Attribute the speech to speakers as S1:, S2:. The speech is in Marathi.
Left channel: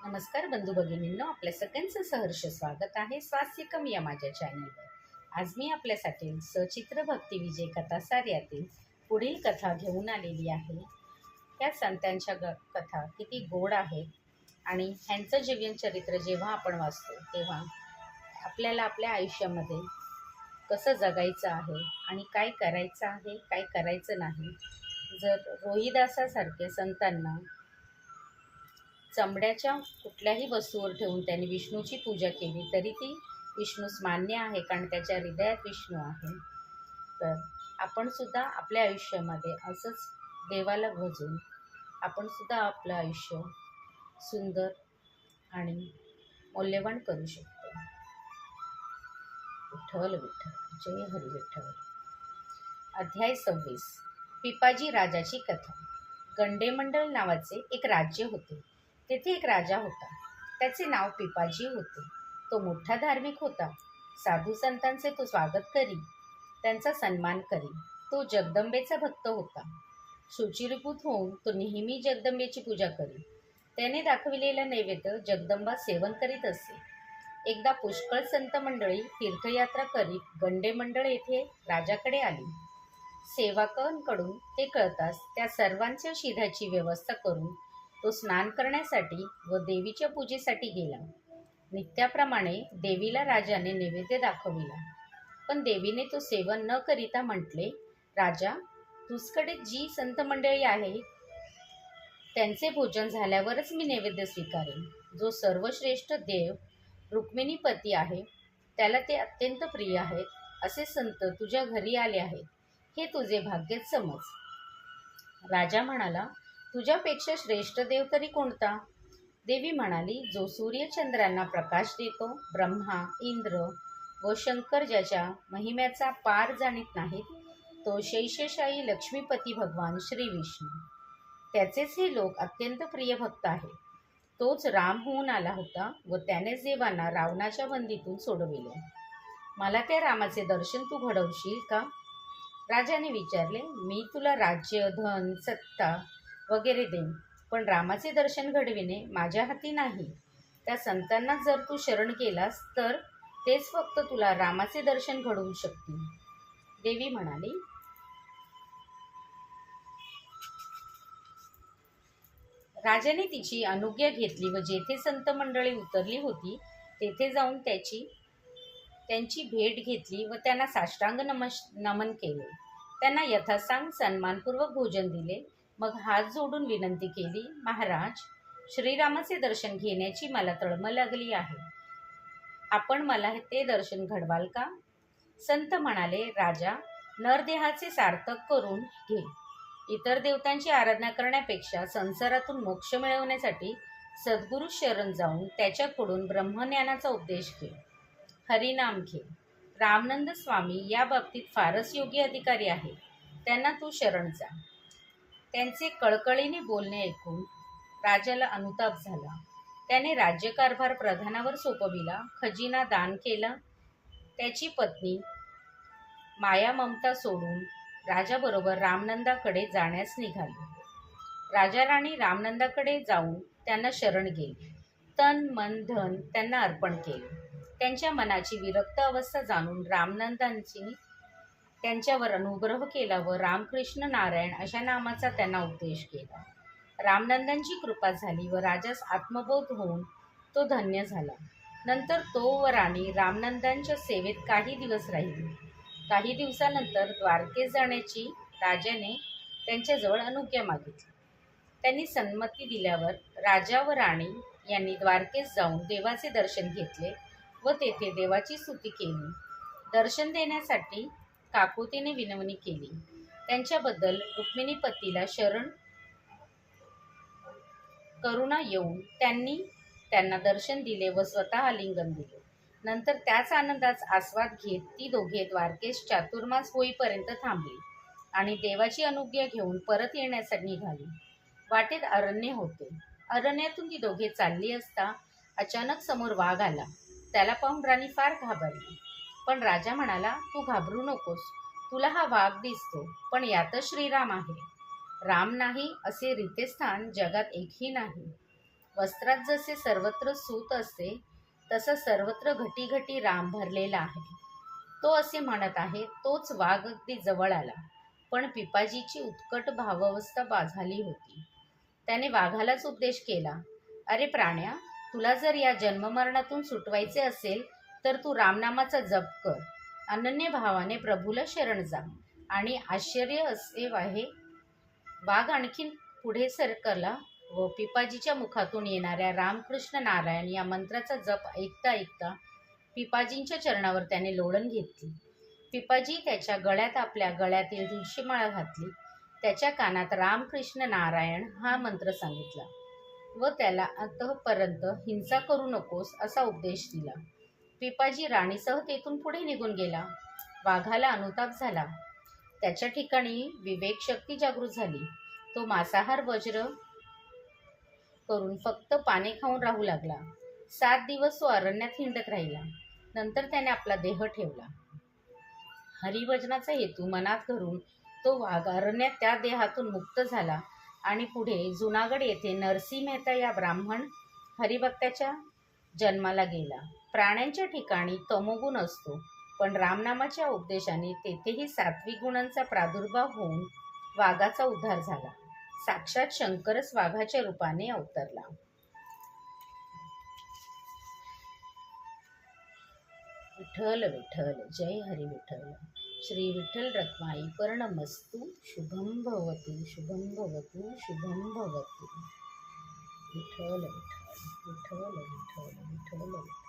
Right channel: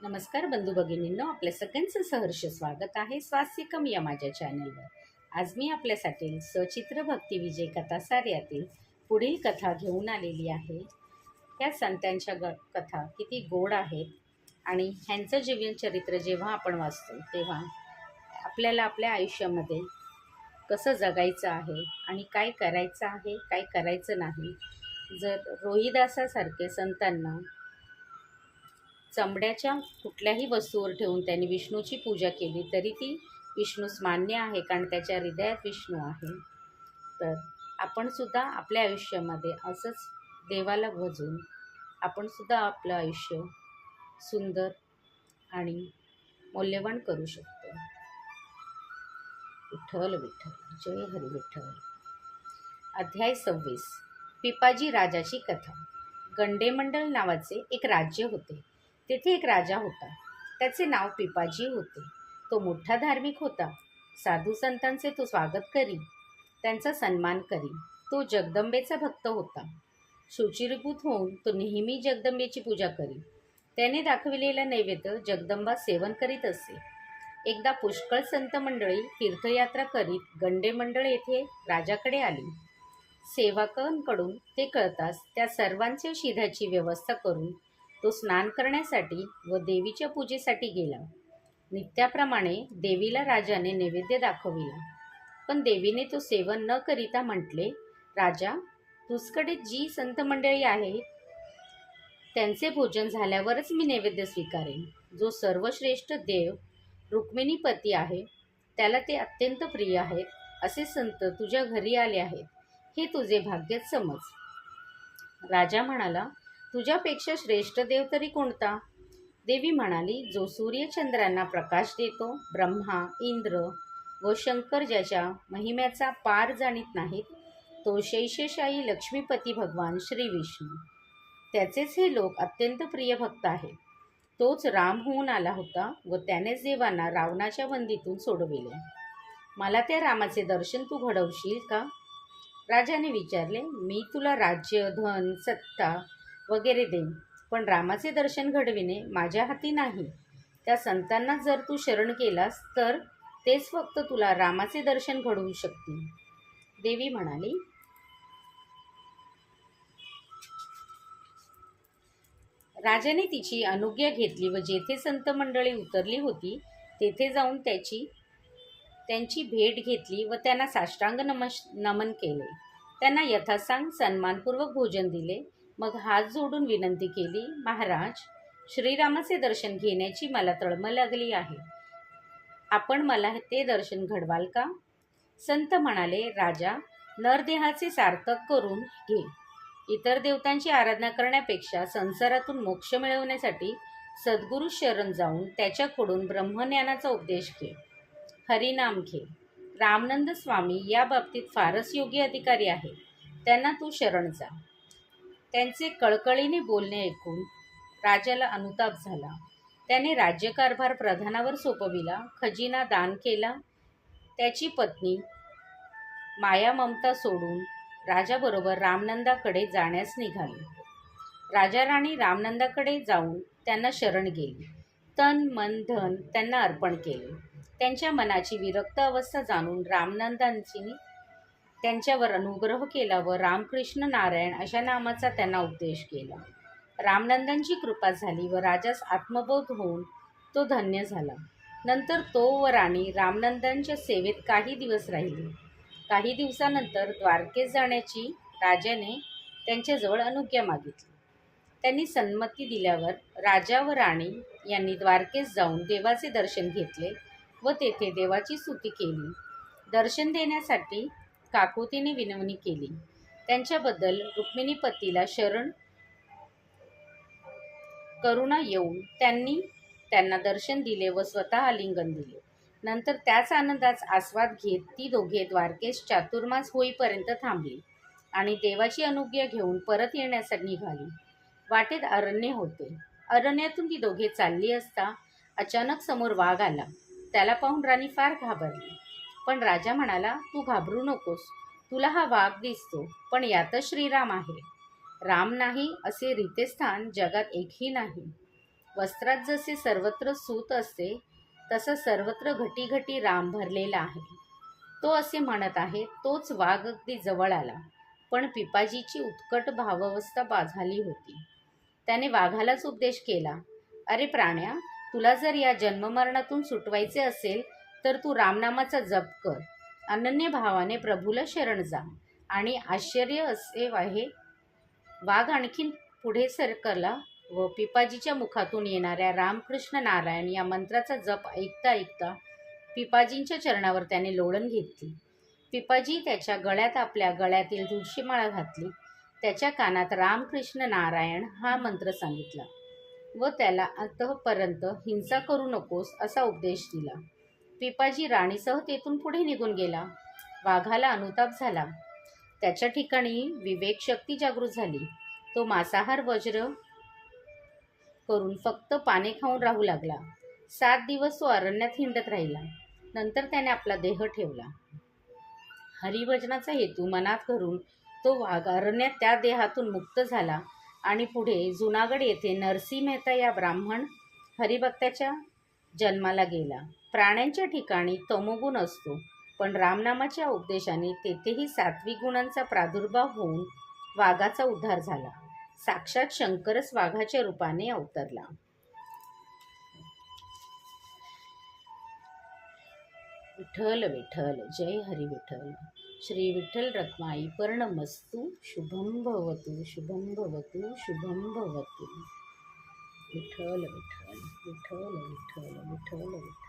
S1: नमस्कार बंधू भगिनींनो. आपल्या सगळ्यांचं सहर्ष स्वागत आहे स्वास्यकम या माझ्या चॅनलवर आज मी आपल्यासाठी सचित्र भक्ती विजय कथा सार्यातील पुढील कथा घेऊन आलेली आहे. त्या संतांच्या ग कथा किती गोड आहेत आणि ह्यांचं जीवनचरित्र जेव्हा आपण वाचतो तेव्हा आपल्याला आपल्या आयुष्यामध्ये कसं जगायचं आहे आणि काय करायचं आहे काय करायचं नाही जर रोहिदासासारखे संतांना चमड्याच्या कुठल्याही वस्तूवर ठेवून त्यांनी विष्णूची पूजा केली तरी ती विष्णूस मान्य आहे कारण त्याच्या हृदयात विष्णू आहे. तर आपण सुद्धा आपल्या आयुष्यामध्ये असंच देवाला भजून आपण सुद्धा आपलं आयुष्य सुंदर आणि मौल्यवान करू शकतो. विठ्ठल विठ्ठल जय हरी विठ्ठल. अध्याय सव्वीस. पिपाजी राजाची कथा. गंडेमंडल नावाचे एक राज्य होते. तेथे एक राजा होता. त्याचे नाव पिपाजी होते. तो मोठा धार्मिक होता. साधू संतांचे तो स्वागत करी. त्यांचा सन्मान करी. तो जगदंबेचा भक्त होता. शुचिरभूत होऊन तो नेहमी जगदंबेची पूजा करी. त्याने दाखविलेला नैवेद्य जगदंबा सेवन करीत असे. एकदा पुष्कळ संत मंडळी तीर्थयात्रा करीत गंडे मंडळ येथे राजाकडे आली. सेवकांकडून ते कळताच त्या सर्वांच्या शिधाची व्यवस्था करून तो स्नान करण्यासाठी व देवीच्या पूजेसाठी गेला. नित्याप्रमाणे देवीला राजाने नैवेद्य दाखविला. पण देवीने तो सेवन न करिता म्हटले राजा तुझकडे जी संत मंडळी आहेत त्यांचे भोजन झाल्यावरच मी नैवेद्य स्वीकारेन. जो सर्वश्रेष्ठ देव रुक्मिणीपती आहे त्याला ते अत्यंत प्रिय आहेत असे संत तुझ्या घरी आले आहेत हे तुझे भाग्यच समज. राजा म्हणाला तुझ्यापेक्षा श्रेष्ठ देव तरी कोणता? देवी म्हणाली जो सूर्यचंद्रांना प्रकाश देतो ब्रह्मा इंद्र व शंकर ज्याच्या महिम्याचा पार जाणीत नाहीत तो शैशशाही लक्ष्मीपती भगवान श्री विष्णू. त्याचेच हे लोक अत्यंत प्रिय भक्त आहेत. तोच राम होऊन आला होता व त्यानेच देवांना रावणाच्या बंदीतून सोडविले. मला त्या रामाचे दर्शन तू घडवशील का? राजाने विचारले मी तुला राज्य धन सत्ता वगैरे देईन. पण रामाचे दर्शन घडविणे माझ्या हाती नाही. त्या संतांना जर तू शरण केलास तर तेच फक्त तुला रामाचे दर्शन घडवू शकतील. देवी म्हणाली राजाने तिची अनुज्ञा घेतली व जेथे संत मंडळी उतरली होती तेथे जाऊन त्याची त्यांची भेट घेतली व त्यांना साष्टांग नमश नमन केले. त्यांना यथासांग सन्मानपूर्वक भोजन दिले. मग हात जोडून विनंती केली महाराज श्रीरामाचे दर्शन घेण्याची मला तळमळ लागली आहे. आपण मला ते दर्शन घडवाल का? संत म्हणाले राजा नरदेहाचे सार्थक करून घे. इतर देवतांची आराधना करण्यापेक्षा संसारातून मोक्ष मिळवण्यासाठी सद्गुरू शरण जाऊन त्याच्याकडून ब्रह्मज्ञानाचा उपदेश घे. हरिनाम घे. रामनंद स्वामी या बाबतीत फारच योग्य अधिकारी आहे त्यांना तू शरण जा. त्यांचे कळकळीने बोलणे ऐकून राजाला अनुताप झाला. त्याने राज्यकारभार प्रधानावर सोपविला खजिना दान केला. त्याची पत्नी माया ममता सोडून राजाबरोबर रामनंदाकडे जाण्यास निघाली. राजा राणी रामनंदाकडे जाऊन त्यांना शरण गेली. तन मन धन त्यांना अर्पण केले. त्यांच्या मनाची विरक्त अवस्था जाणून रामनंदांची त्यांच्यावर अनुग्रह केला व रामकृष्ण नारायण अशा नामाचा त्यांना उपदेश केला. रामनंदांची कृपा झाली व राजास आत्मबोध होऊन तो धन्य झाला. नंतर तो व राणी रामनंदांच्या सेवेत काही दिवस राहिली. काही दिवसानंतर द्वारकेस जाण्याची राजाने त्यांच्याजवळ अनुज्ञा मागितली. त्यांनी संमती दिल्यावर राजा व राणी यांनी द्वारकेस जाऊन देवाचे दर्शन घेतले व तेथे देवाची स्तुती केली. दर्शन देण्यासाठी काकुतीने विनवणी केली. त्यांच्याबद्दल रुक्मिणी पतीला शरण करुणा येऊन त्यांनी त्यांना दर्शन दिले व स्वतः आलिंगन दिले. नंतर त्याच आनंदाचा आस्वाद घेत ती दोघे द्वारकेश चातुर्मास होईपर्यंत थांबली आणि देवाची अनुज्ञा घेऊन परत येण्यासाठी निघाली. वाटेत अरण्य होते. अरण्यातून ती दोघे चालली असता अचानक समोर वाघ आला. त्याला पाहून राणी फार घाबरली. पण राजा म्हणाला तू घाबरू नकोस. तुला हा वाघ दिसतो पण यातच श्रीराम आहे. राम नाही असे रितेस्थान जगात एकही नाही. वस्त्रात जसे सर्वत्र सूत असते तसं सर्वत्र घटी घटी राम भरलेला आहे. तो असे म्हणत आहे तोच वाघ अगदी जवळ आला. पण पिपाजीची उत्कट भावावस्था बा झाली होती. त्याने वाघालाच उपदेश केला अरे प्राण्या तुला जर या जन्ममरणातून सुटवायचे असेल तर तू रामनामाचा जप कर. अनन्य भावाने प्रभूला शरण जा. आणि आश्चर्य असे आहे वाघ आणखीन पुढे सरकला व पिपाजीच्या मुखातून येणाऱ्या रामकृष्ण नारायण या मंत्राचा जप ऐकता ऐकता पिपाजींच्या चरणावर त्याने लोळण घेतली. पिपाजी त्याच्या गळ्यात आपल्या गळ्यातील तुळशीमाळा घातली. त्याच्या कानात रामकृष्ण नारायण हा मंत्र सांगितला व त्याला अंतपर्यंत हिंसा करू नकोस असा उपदेश दिला. पिपाजी राणीसह तेथून पुढे निघून गेला. वाघाला अनुताप झाला. त्याच्या ठिकाणी विवेक शक्ती जागृत झाली. तो मांसाहार वज्र करून फक्त पाने खाऊन राहू लागला. सात दिवस तो अरण्यात हिंडत राहिला. नंतर त्याने आपला देह ठेवला. हरिभजनाचा हेतू मनात घरून तो वाघ अरण्यात त्या देहातून मुक्त झाला आणि पुढे जुनागड येथे नरसी मेहता या ब्राह्मण हरिभक्ताच्या जन्माला गेला. प्राण्यांच्या ठिकाणी तमोगुण असतो. पण रामनामाच्या उपदेशाने तेथेही सात्विक गुणांचा प्रादुर्भाव होऊन वाघाचा उद्धार झाला. साक्षात शंकरच वाघाच्या रूपाने अवतरला. विठ्ठल विठ्ठल जय हरी विठ्ठल. श्री विठ्ठल रखमाई पर्णमस्तु शुभम भवतु शुभम भवतु शुभम भवतु. विठ्ठल विठ्ठल विठ्ठल विठ्ठल विठ्ठल विठ्ठल.